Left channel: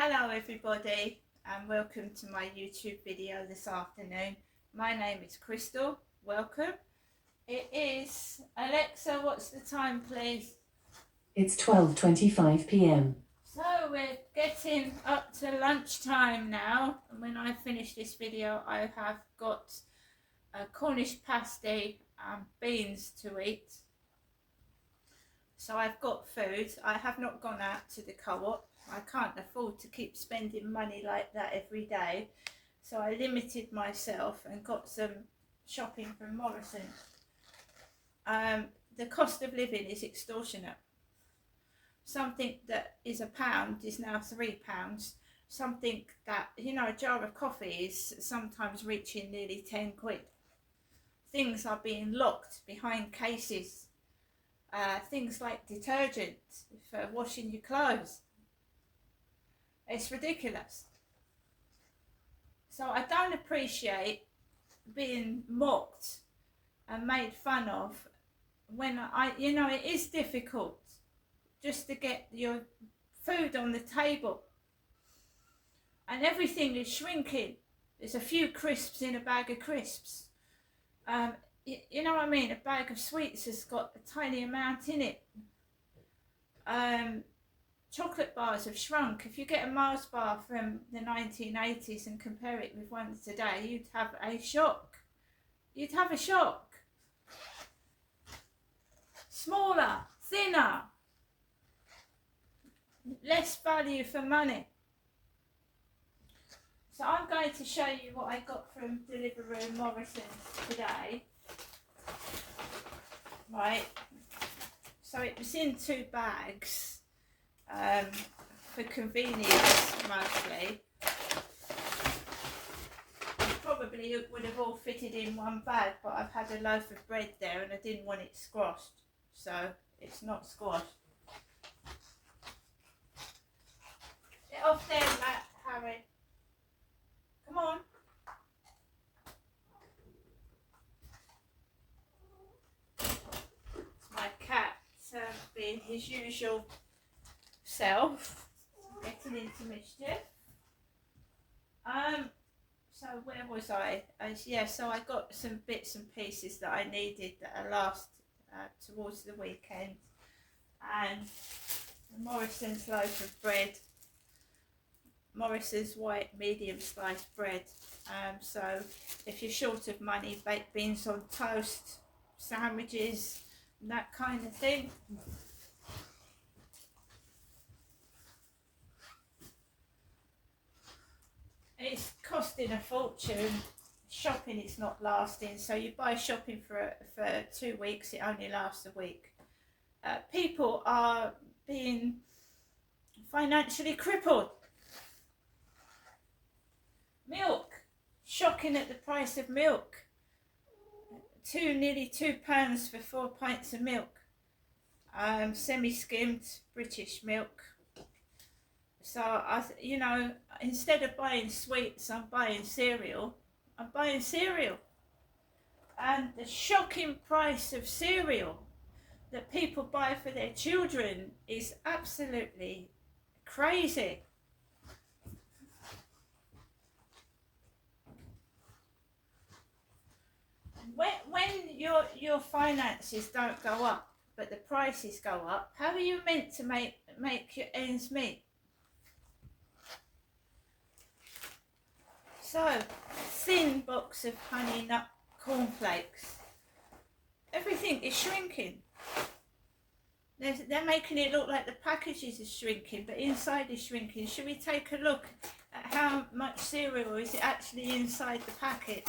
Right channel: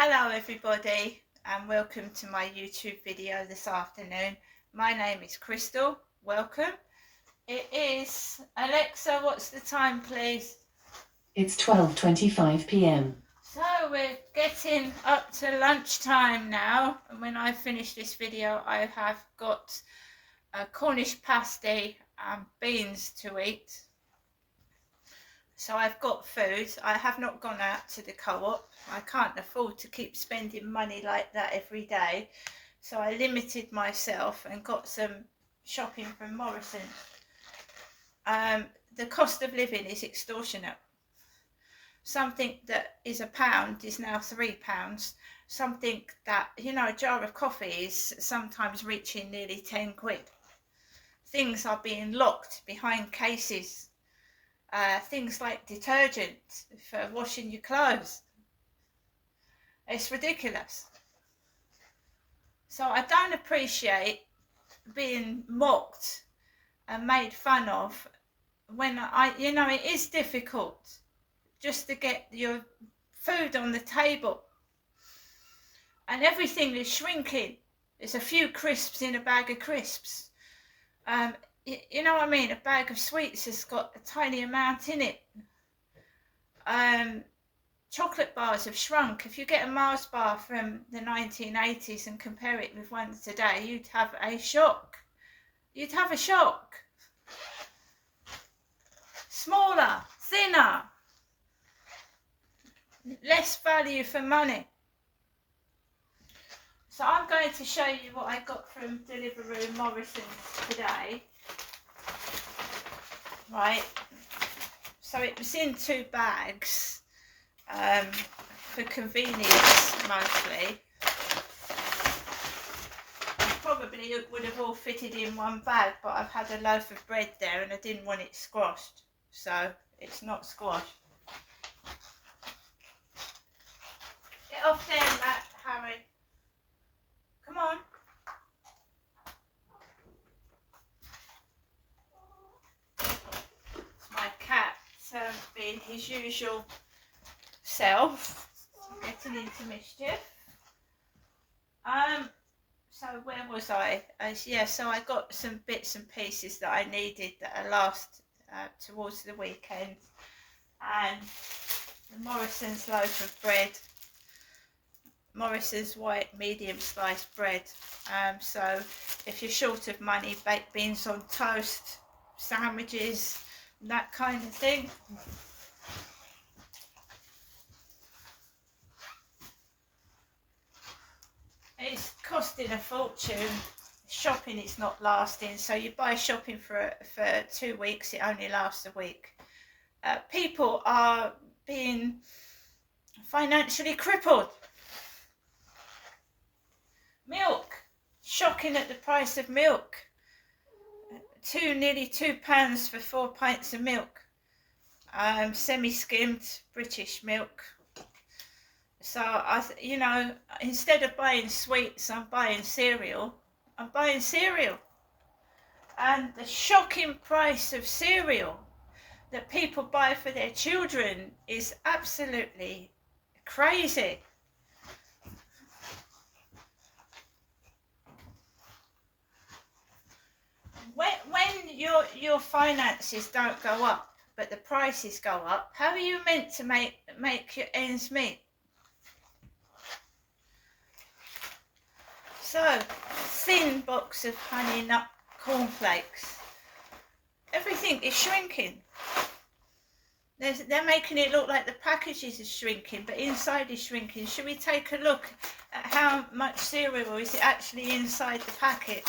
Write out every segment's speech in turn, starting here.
Hello everybody and welcome to my YouTube video this afternoon. My name is Crystal. Welcome. It is, Alexa, what's the time please? It's 12:25 p.m. So we're getting up to lunchtime now, and when I finish this video I have got a Cornish pasty and beans to eat. So I've got food. I have not gone out to the co-op. I can't afford to keep spending money like that every day. So I limited myself and got some shopping from Morrison's. The cost of living is extortionate. Something that is £1 is now £3. Something that, you know, a jar of coffee is sometimes reaching nearly 10 quid. Things are being locked behind cases. Things like detergent for washing your clothes. It's ridiculous. So I don't appreciate being mocked and made fun of when you know, it is difficult just to get your food on the table. And everything is shrinking. There's a few crisps in a bag of crisps. You know what I mean? A bag of sweets has got a tiny amount in it. Chocolate bars have shrunk. If you get a Mars bar from the 1980s and compare it with ones today, you'd have a shock. You'd have a shock. Smaller, thinner, less value for money. So I'm going to show you what I got from Deliveroo Morrison's today. Right, so it was in 2 bags for convenience mostly. Probably it would have all fitted in 1 bag, but I've had a loaf of bread there and I didn't want it squashed, so it's not squashed. Get off there, Matt, Harry. Come on. My cat being his usual self, getting into mischief. So where was I? Yeah, so I got some bits and pieces that I needed that are last towards the weekend, and the Morrison's loaf of bread, Morrison's white medium sliced bread. So if you're short of money, baked beans on toast, sandwiches, that kind of thing. It's costing a fortune. Shopping is not lasting, so you buy shopping for 2 weeks, it only lasts a week. People are being financially crippled. Milk, shocking at the price of milk. Nearly £2 for 4 pints of milk. Semi-skimmed British milk. So you know, instead of buying sweets, I'm buying cereal. And the shocking price of cereal that people buy for their children is absolutely crazy. When your finances don't go up, but the prices go up, how are you meant to make your ends meet? So, thin box of Honey Nut cornflakes. Everything is shrinking. They're making it look like the packages are shrinking, but inside is shrinking. Should we take a look at how much cereal is actually inside the packet?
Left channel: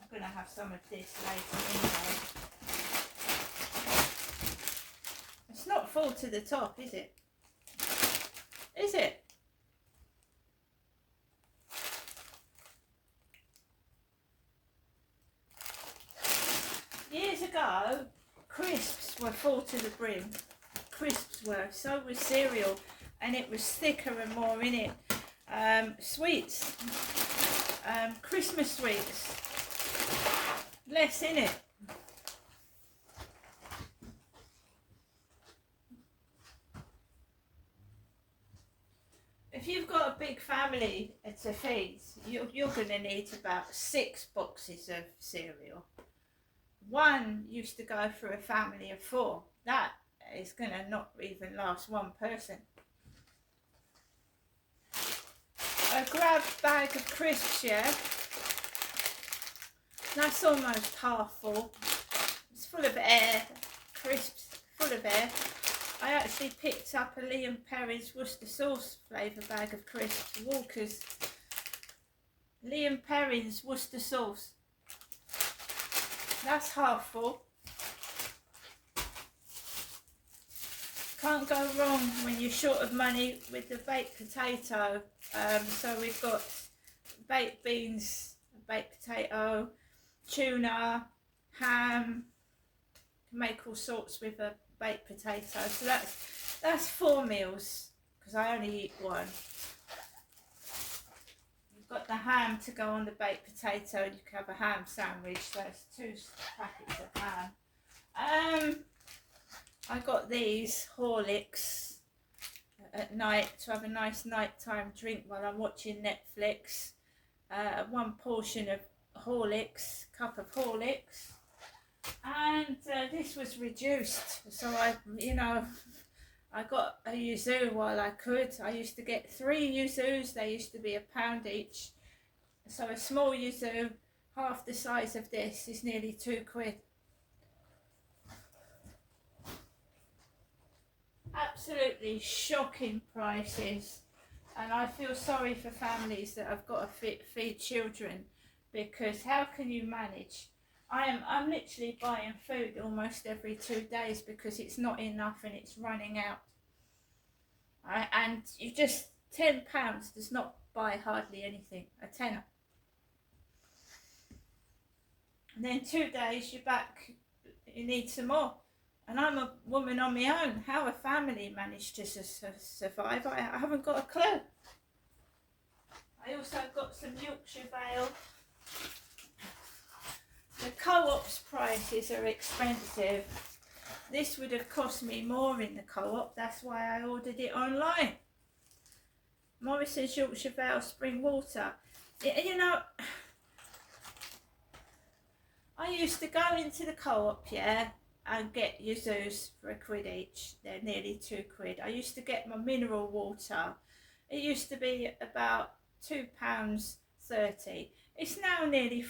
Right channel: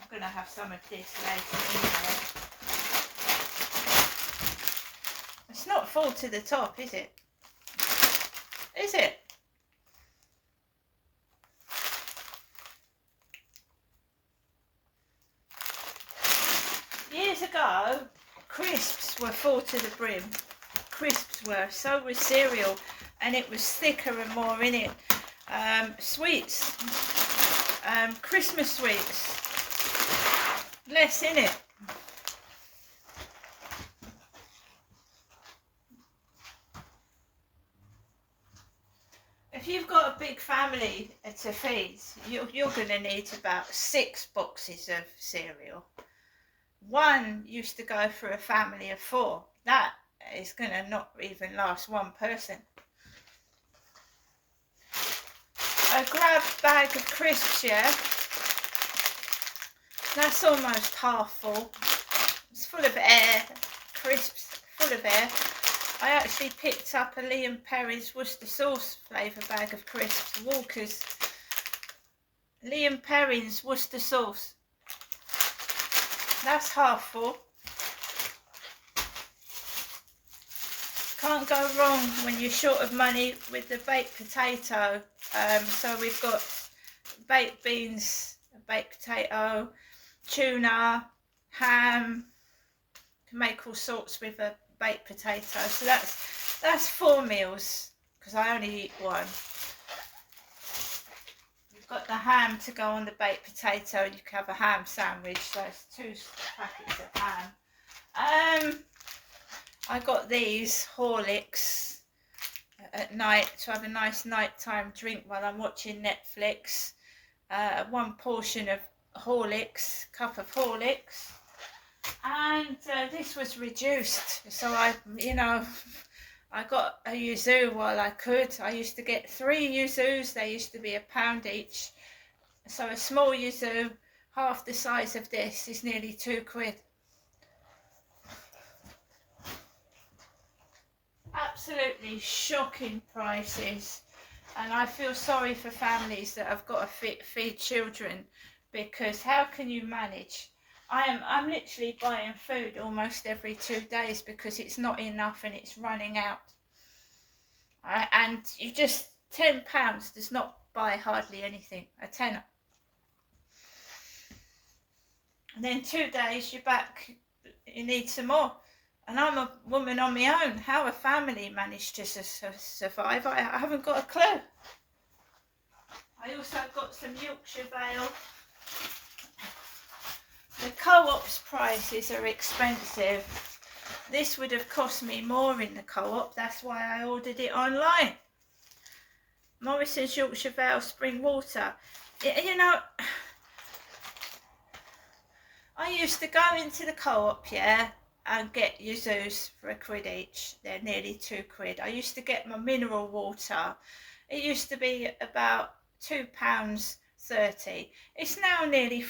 I'm going to have some of this later anyway. It's not full to the top, is it? Is it? Years ago, crisps were full to the brim. Crisps were, so was cereal, and it was thicker and more in it. Sweets, Christmas sweets, less in it. if you've got a big family to feed, you're going to need about 6 boxes of cereal. One used to go for a family of 4. That is going to not even last one person. A grab bag of crisps, yeah, that's almost half full. It's full of air, crisps, full of air. I actually picked up a Liam Perry's Worcester sauce flavour bag of crisps, Walker's. Liam Perry's Worcester sauce. That's half full. Can't go wrong when you're short of money with the baked potato. So we've got baked beans, baked potato, tuna, ham. You can make all sorts with a baked potato. So that's 4 meals because I only eat one. You've got the ham to go on the baked potato. You can have a ham sandwich. So it's 2 packets of ham. I got these Horlicks at night to have a nice nighttime drink while I'm watching Netflix. 1 portion of Horlicks, cup of Horlicks, and this was reduced, so I got a yuzu while I could. I used to get 3 yuzus. They used to be £1 each, so a small yuzu, half the size of this, is nearly £2. Absolutely shocking prices, and I feel sorry for families that have got to feed children, because how can you manage? I'm literally buying food almost every 2 days because it's not enough and it's running out. And you just, £10 does not buy hardly anything, a tenner. And then 2 days you're back, you need some more. And I'm a woman on my own. How a family managed to survive, I haven't got a clue. I also got some Yorkshire Vale. The Co-op's prices are expensive. This would have cost me more in the Co-op. That's why I ordered it online. Morrison's Yorkshire Vale Spring Water. You know, I used to go into the Co-op, yeah, and get yuzus for £1 each. They're nearly £2. I used to get my mineral water. It used to be about £2.30. It's now nearly £4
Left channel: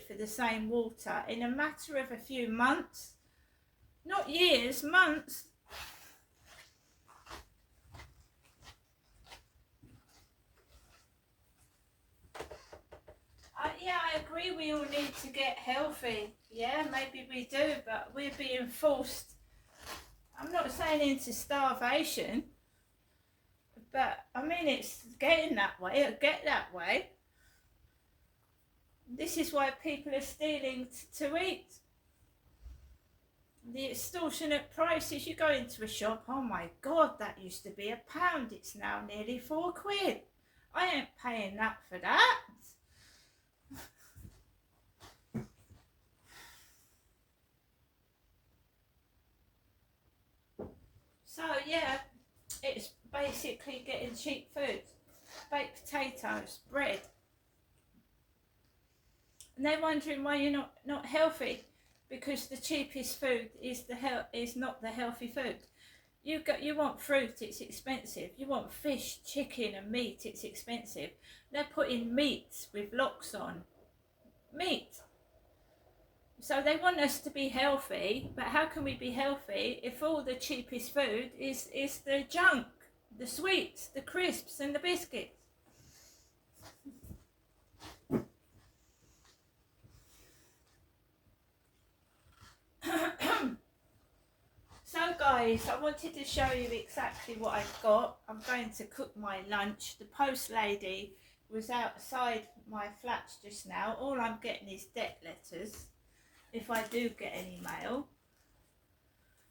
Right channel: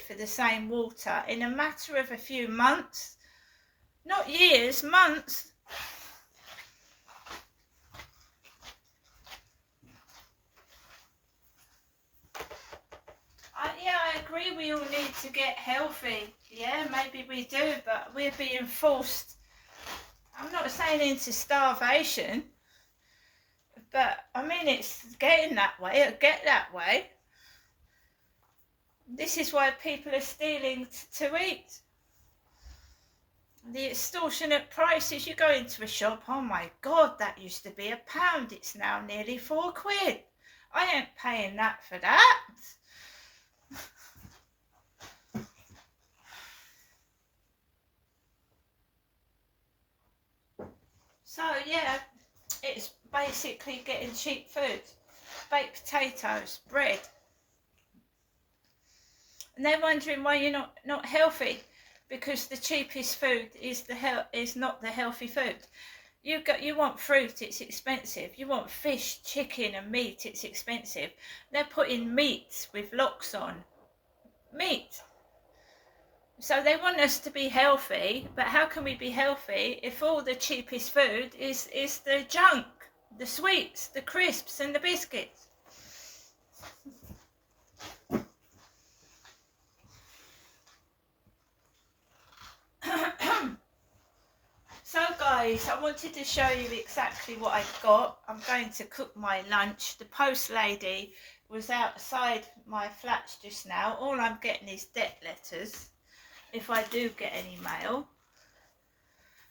for the same water in a matter of a few months. Not years, months. Yeah, I agree we all need to get healthy. Yeah, maybe we do, but we're being forced. I'm not saying into starvation, but I mean it's getting that way. It'll get that way. This is why people are stealing to eat. The extortionate prices. You go into a shop, oh my God, that used to be £1. It's now nearly £4. I ain't paying that for that. So yeah, it's basically getting cheap food, baked potatoes, bread, and they're wondering why you're not healthy, because the cheapest food is not the healthy food. You want fruit, it's expensive. You want fish, chicken, and meat, it's expensive. They're putting meat with locks on, meat. So they want us to be healthy, but how can we be healthy if all the cheapest food is the junk, the sweets, the crisps and the biscuits? So guys, I wanted to show you exactly what I got. I'm going to cook my lunch. The post lady was outside my flat just now. All I'm getting is debt letters, if I do get any mail.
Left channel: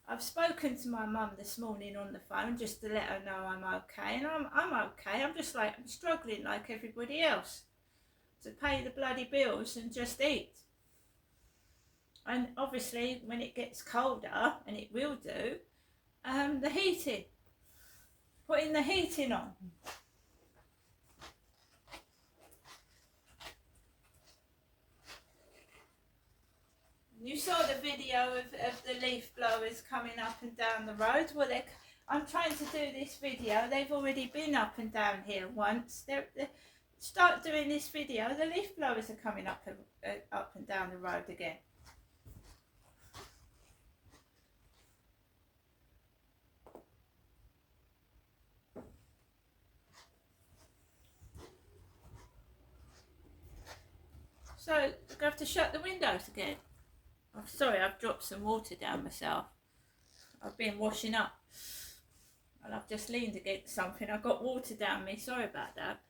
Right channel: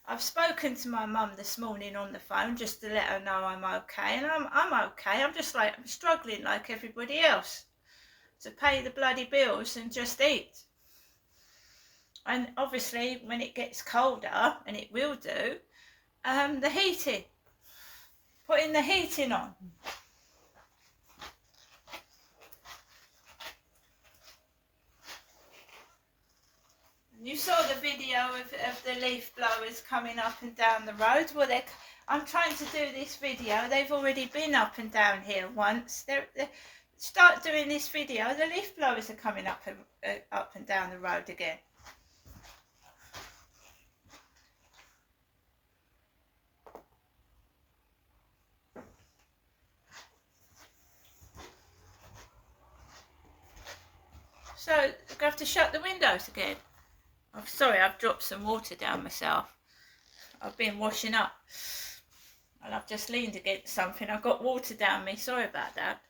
I've spoken to my mum this morning on the phone just to let her know I'm okay, and I'm okay. I'm struggling like everybody else to pay the bloody bills and just eat. And obviously when it gets colder, and it will do, the heating, putting the heating on. You saw the video of the leaf blowers coming up and down the road. Well, I'm trying to do this video. They've already been up and down here once. Start doing this video. The leaf blowers are coming up and down the road again. So I'm going to have to shut the windows again. I'm sorry, I've dropped some water down myself. I've been washing up and I've just leaned against something. I've got water down me. Sorry about that.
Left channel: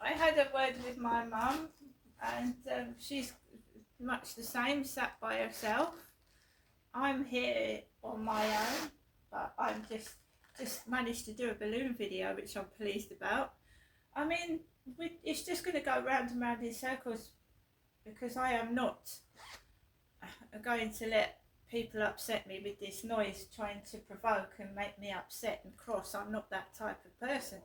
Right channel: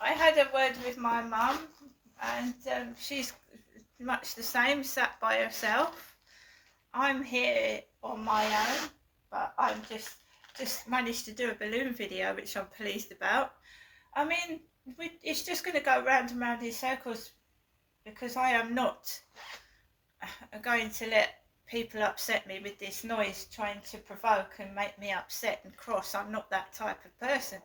I had a word with my mum, and she's much the same, sat by herself. I'm here on my own, but I'm just managed to do a balloon video, which I'm pleased about. I mean, it's just going to go round and round in circles, because I am not going to let people upset me with this noise, trying to provoke and make me upset and cross. I'm not that type of person.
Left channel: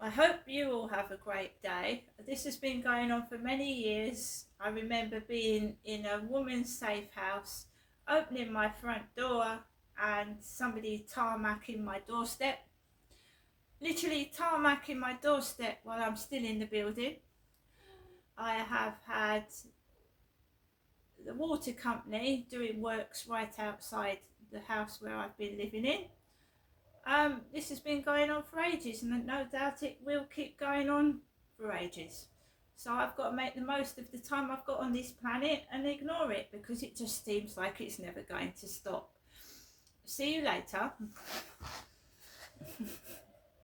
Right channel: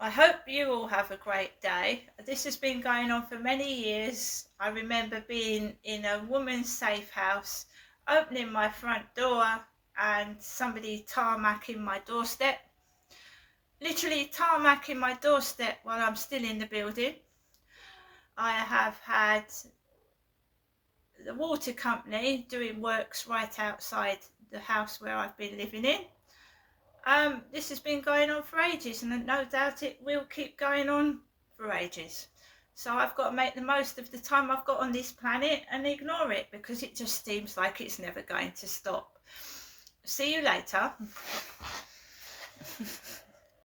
I hope you all have a great day. This has been going on for many years. I remember being in a woman's safe house, opening my front door and somebody tarmacking my doorstep. Literally tarmacking my doorstep while I'm still in the building. I have had the water company doing works right outside the house where I've been living in. This has been going on for ages, and no doubt it will keep going on for ages. So I've got to make the most of the time I've got on this planet and ignore it, because it just seems like it's never going to stop. See you later.